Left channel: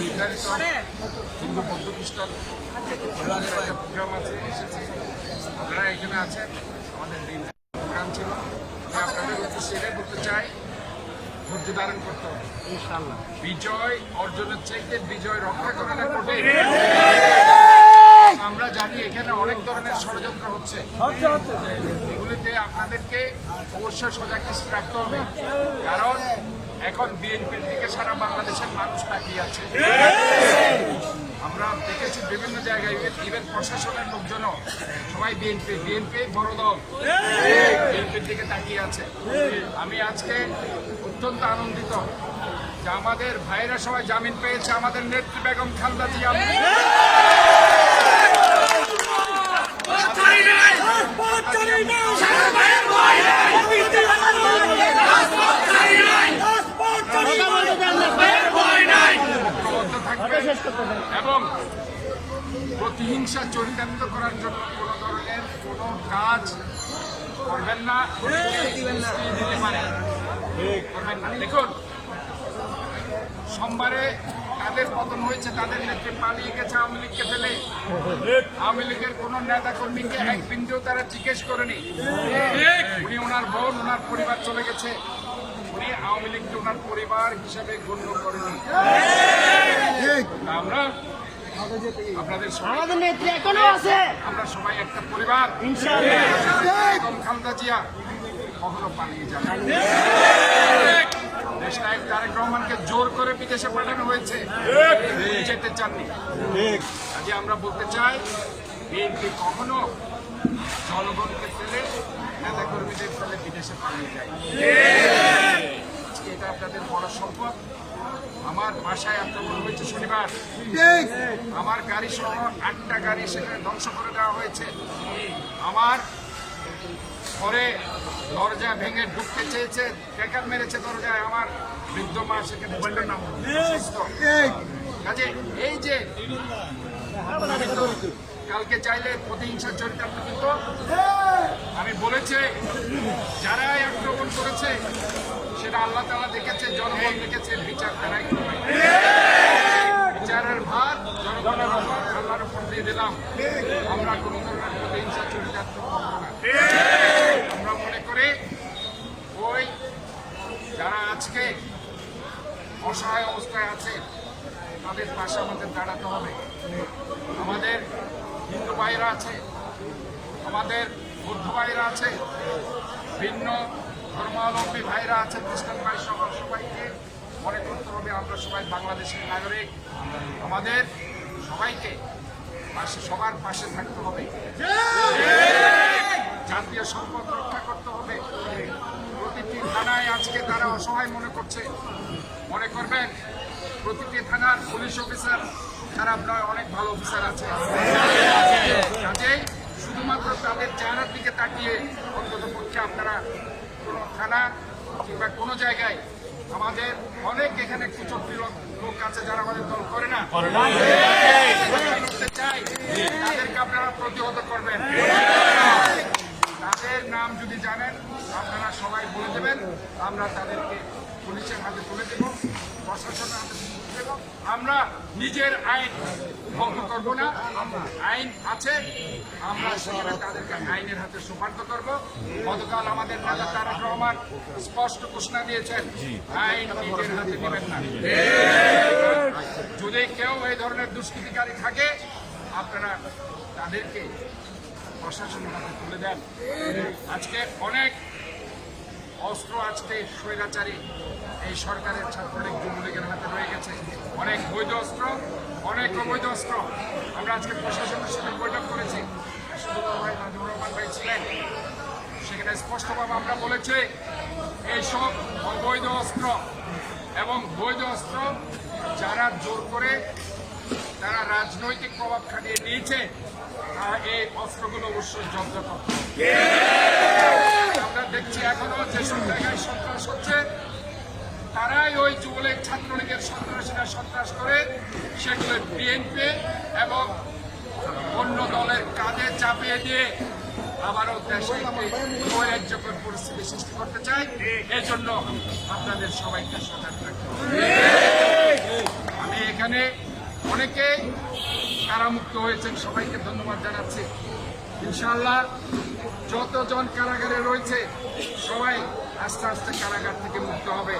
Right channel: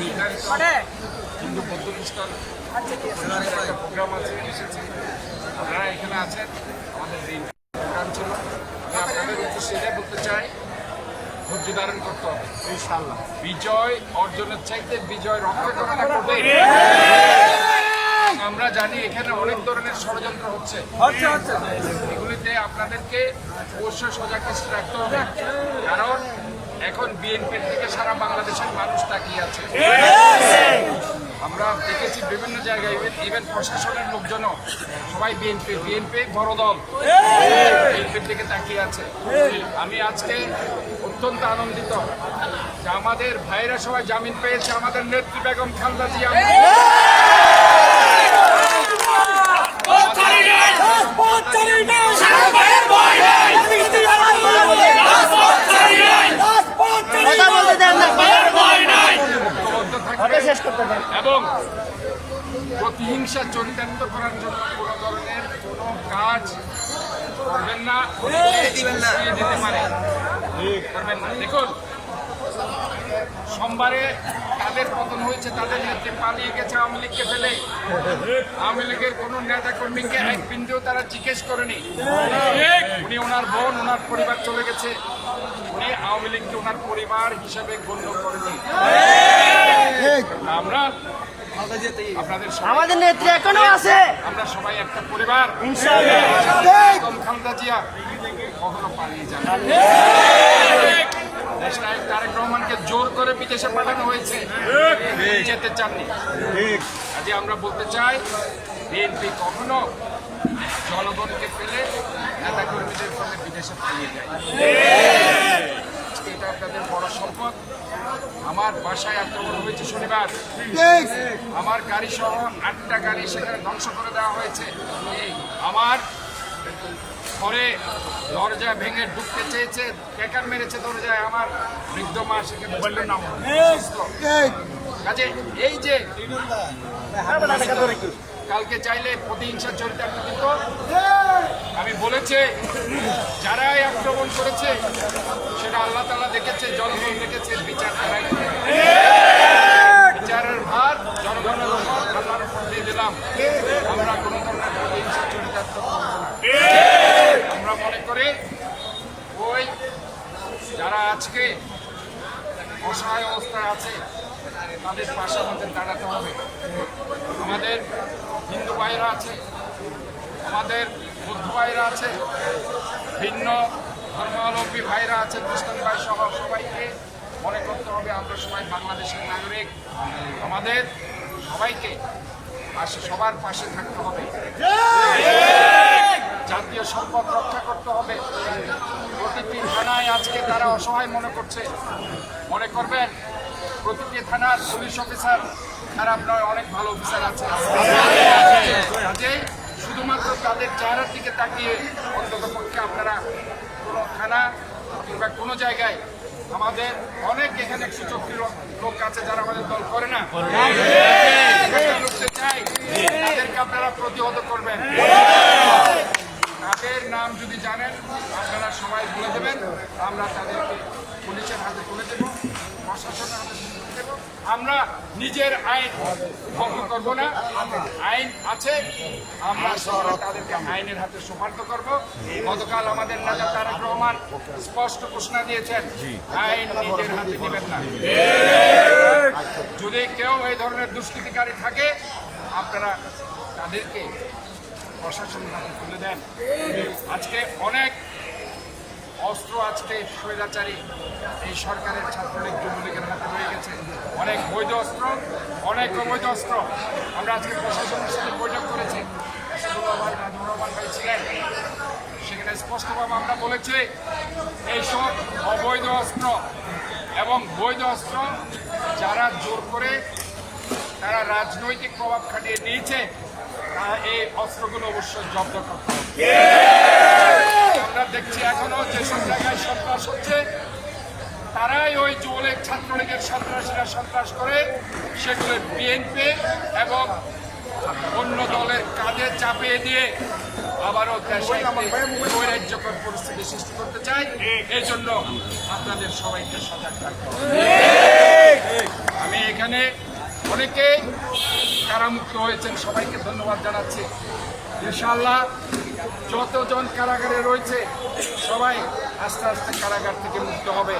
নির্ধারিত হিন্দু বৌদ্ধ খ্রিস্টান পরিবারের একটা প্রোগ্রাম আছে এসেছে। আপনারা এখানে আছেন আমাদের দিন প্রোগ্রাম ছিল আমি আপনাদের উদ্দেশ্যে এটাই বলতে চাই ধৈর্য ধারণ করতে হবে। বিজয় অর্জনের চাইতে বিজয় রক্ষা করাটা কঠিন। আমরা জানি এখানে অনেক ধরনের ষড়যন্ত্র হচ্ছে। এগুলিতে আপনাদেরকে অবশ্যই সজাগ রাখতে হবে। কারণ এখন বিএনপির দিকে সারা বাংলাদেশের মানুষ তাকিয়ে আছে। আমরা দেখেছি বিভিন্ন জায়গায় ইভেন প্রশাসনের লোকজনও সবাই বিএনপি বিএনপি বড় দল। বিএনপির দিকে তাকিয়ে আছে। আমি আজকে অত্যন্ত আনন্দিত যে আমাদের ভাইরা সবাই জামিন পেয়েছে, আমাদের নেত্রী বেগম খালদা জিয়া। ঐক্যবদ্ধ থাকবে এবং প্রতিহিংসা চরিতার্থ করার জন্য কোনো ধরনের কোনো কাজ করবেন না দিতে পারে। করবেন না। দেখুন সোমবারে তাদের পতন হয়েছে তাদের নেত্রী পালিয়ে গেছে আওয়ামী লীগকে ফেলে। আওয়ামী লীগের কোন নেতা কর্মীকে এক বিন্দুও তারা জিজ্ঞেস করেনি। উনি ওনার বোন ওনার পরিবার চলে গেছে। উনি আওয়ামী লীগকে ওনার পরিবার হিসাবে গণ্য করেনি। আমরা আপনাদের সবাই আমাদের নেত্রী এখনও আছে। আমরা সবাই একটা পরিবার। বেগম খালেদা জিয়া কখনো পালিয়ে যাবে না। দেশনায়ক তারেক রহমানকে জোর করে বিদেশে পাঠানো হয়েছে। যেতে চাননি। কাজে আমরা বলতে চাই বিএনপি কখনো জনগণকে ফেলে নেতা কর্মীদের ফেলে বিদেশে পালিয়ে যায়। আজকে এটা আপনাদের বড় সম্পদ। আমার বাসায় আক্রমণ হয়েছে শনিবার। আমার গাড়ি সহ আটটা গাড়ি সেখানে ধ্বংস করে দেওয়া হয়েছে। আমার ঘরে দরজা ভেঙে ঢুকতে চেয়েছে ক্যাকার মেরেছে দরজায় আমার বৃদ্ধ মা সেখানে ছিলেন কাজে এই যে আমি তো কালকে চাইলে প্রতিহিংসা চরিতার্থ কিন্তু আমি বলেছে যারাই আক্রমণ করেছে সেটা আল্লাহ তালা দেখেছে জনগণ দেখেছে বিচার তারাই করবে। বিচারের ভার জনগণের আল্লাহর উপর দিয়ে দিলাম। আমরা কোনো ধরনের প্রতিহিংসা চরিতার্থ করব না। আমরা মনে করি ওই যারা আজকে অসহায় অবস্থায় আছে তাদের পাশে আমাদের দাঁড়াতে হবে। আমাদের হিন্দু ভাইরা আছে, আমাদের বৌদ্ধ ভাইরা আছে, ভিন্ন ধর্মাবলম্বী ভাইরা আছে, খ্রিস্টান ভাই সহ সবাইকে মনে করতে হবে আমরা সবাই বাংলাদেশের নাগরিক। আমাদের সবাইকে পাশে, সবার পাশে থাকতে হবে। জাতীয় সম্পদ রক্ষা করতে হবে। প্রতিটি থানায় আজকে তারা অসহায় মনে করছে। মনে করবেন, প্রতিটি থানার পুলিশ অফিসার খারাপ নয়, অনেক ভালো অফিসার আছে। কাজেই শুধুমাত্র তাদের চেহারার দিকে তাকিয়ে অন্তত পক্ষে আপনারা কোনো থানা কিংবা কোনো জায়গায় আমাদের অনেক এখানে সুচক্রী লোক আছে যারা আমাদের দল করে না। তাদেরকে আপনারা প্রতিহত করবেন। তাদের নাম যদি জানেন, আপনারা সবাই বলে দেবেন। আমরা তাদেরকে পুলিশের হাতে তুলে দেব, প্রশাসনের হাতে তুলে দেব। আমরা নিজের আইন ভঙ্গ করব না। আইন আছে আমরা সেখানে তাদেরকে আইনের হাতে সুপার্দ করব। গতকাল আমাদের নেতা তারেক রহমান স্পষ্ট ঘোষণা দিয়েছেন আইন নিজের হাতে নেবেন না। যদি কেউ এই ধরনের দুষ্কৃতিকারী থাকে আপনারা তাদেরকে প্রশাসনের হাতে তুলে দেন। আজকে অনেক অস্ত্র আজকে স্বৈরাচারী এই সরকারের ছাত্রলীগ যুবলীগের হাতে রয়ে গেছে। অনেক বৈধ অস্ত্র, অনেক অবৈধ অস্ত্র। আমরা আজকে প্রশাসনের সাথে বৈঠক করেছি। এসাদুল্লাহ ভাই নাজমুর রহমান ভাই ছিলেন। সেখানে স্পষ্টভাবে আমরা বলেছি, এইসব অবৈধ অস্ত্র এবং বৈধ অস্ত্র যারা জোর করে তারা রাজনৈতিক প্রভাব খাটিয়ে নিয়েছে, তা এই অস্ত্রগুলো অবশ্যই জব্দ করতে হবে। আমরা দেখছি এখনও যেসব জায়গায় সন্ত্রাস হচ্ছে তারাই ওই যুবলীগ ছাত্রলীগের সন্ত্রাসীরা সন্ত্রাস করে, সেগুলো বিএনপি এবং অন্য দলের কাঁধে চাপিয়ে দিয়ে আবারও দেশে একটি নৈরাজ্যকর পরিস্থিতি সৃষ্টি করতে চাই। এই জন্য আপনাদের সবাইকে সজাগ থাকতে আমি এখানে অনেকে কারামুক্ত হয়েছেন, সবাইকে ধন্যবাদ জানাচ্ছি। ইনশাল্লাহ যতজন কারাগারে রয়েছে, সবাই আস্তে আস্তে কারাগার থেকে মুক্ত হবে।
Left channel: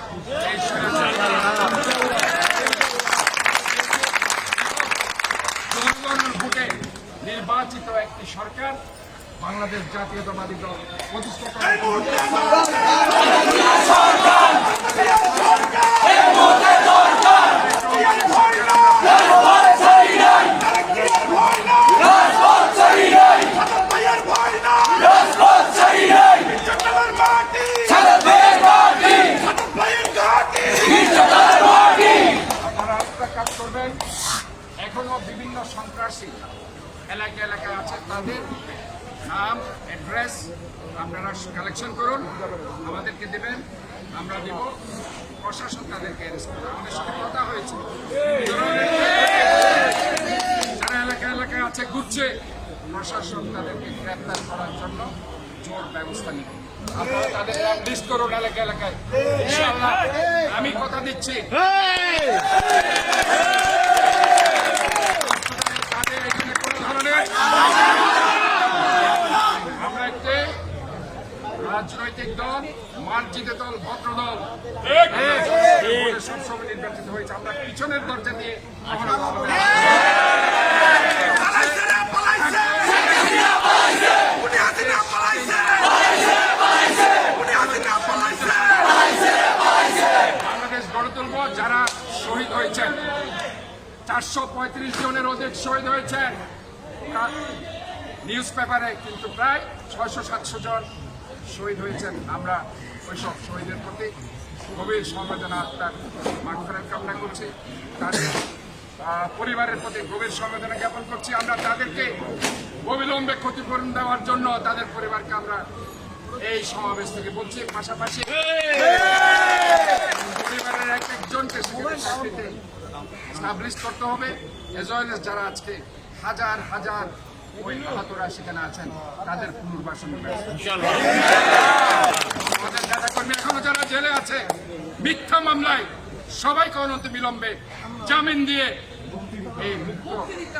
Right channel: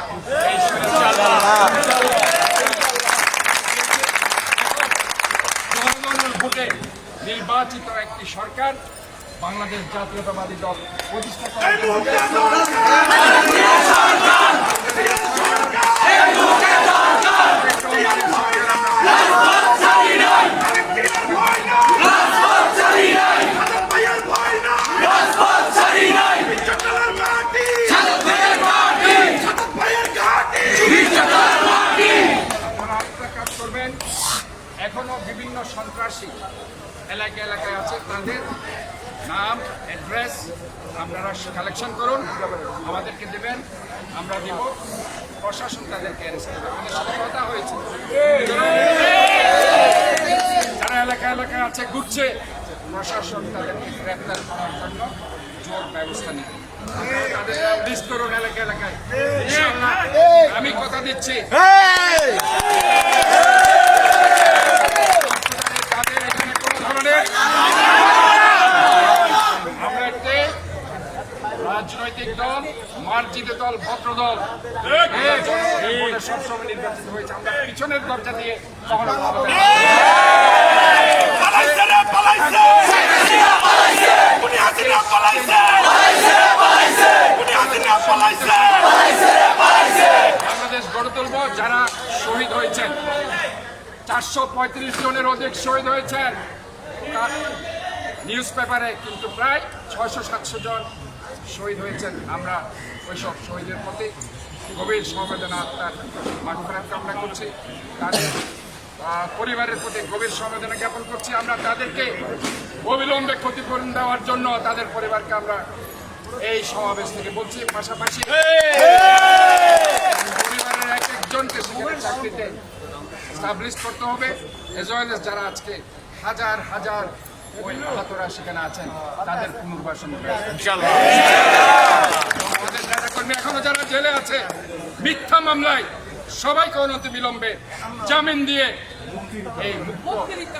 জনগণের ভোটে নির্বাচিত একটি সরকার বাংলাদেশ জাতীয়তাবাদী দল প্রতিষ্ঠা জন্য আপনারা আরেকটা কাজ করবেন এখনও বিভিন্ন সন্ত্রাসী এলাকা এলাকায় আছে, তাদের নাম অ্যাড্রেস আপনারা কালেকশন করুন, আমাদেরকে দেবেন, আমরা দিব, প্রশাসন তাদেরকে অ্যারেস্ট করবে। আমাদের সাথে কথা হয়েছে। যারা এলাকা এলাকায় আছে, ঘুরছে, প্রশাসন তাদেরকে গ্রেপ্তার করার জন্য জোর ব্যবস্থা নেবে। তাদের এলাকা এলাকায়। আমি কথা দিচ্ছি তাদের এখানে কোনো ধরনের আমরা একটি রাজনৈতিক দল, মার্জিত দল, ভদ্র দল। আমরা সবসময় নির্বাচিত হয়েছে। আমরা পিছনের দরজা দিয়ে বাংলাদেশ গড়ে তুলব যারা শহীদ হয়েছেন। চারশো পঁয়ত্রিশ জনের অধিক শহীদ হয়েছেন। নিউজ পেপারে কিন্তু প্রায় ছয়শো সাতশো জন শহীদ হয়েছেন। আমরা ওইসব শহীদের প্রতি গভীর সমবেদনা তার মাগফেরাত কামনা করছি। তাদের পরিবারের প্রতি গভীর সমবেদনা জ্ঞাপন করছি। আমরা তাদেরকে অবিলম্বে ক্ষতিপূরণ দেওয়ার জন্য তাদের পরিবারকে আমরা এই সমাবেশ থেকে বলছি। পাশাপাশি পরিবারের এক একজনকে সেখানে চাকরিতে স্টাবলিশ করতে হবে। এজ ওয়েল এস যারা আজকে হাজার হাজার ওই আহতরা সেখানে আছেন তাদের পুনর্বাসনের ব্যবস্থা আমাদের এখনও যারা জেলে আছে মিথ্যা মামলায় সবাইকে অনন্ত বিলম্বে জামিন দিয়ে এই মুক্ত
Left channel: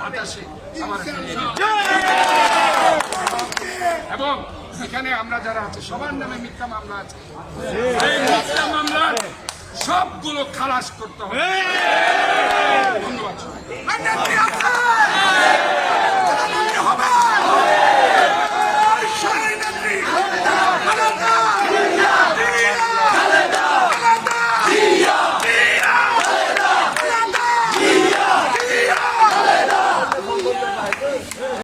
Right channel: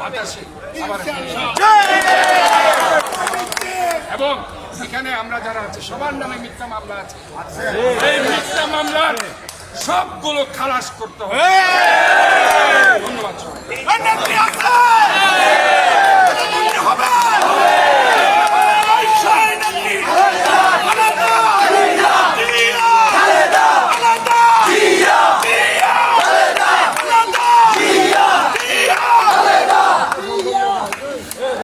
বাতাসে আবার এবং এখানে আমরা যারা আছে সবার নামে মিথ্যা মামলা আছে। এই মিথ্যা মামলার সবগুলো খালাস করতে হবে। When the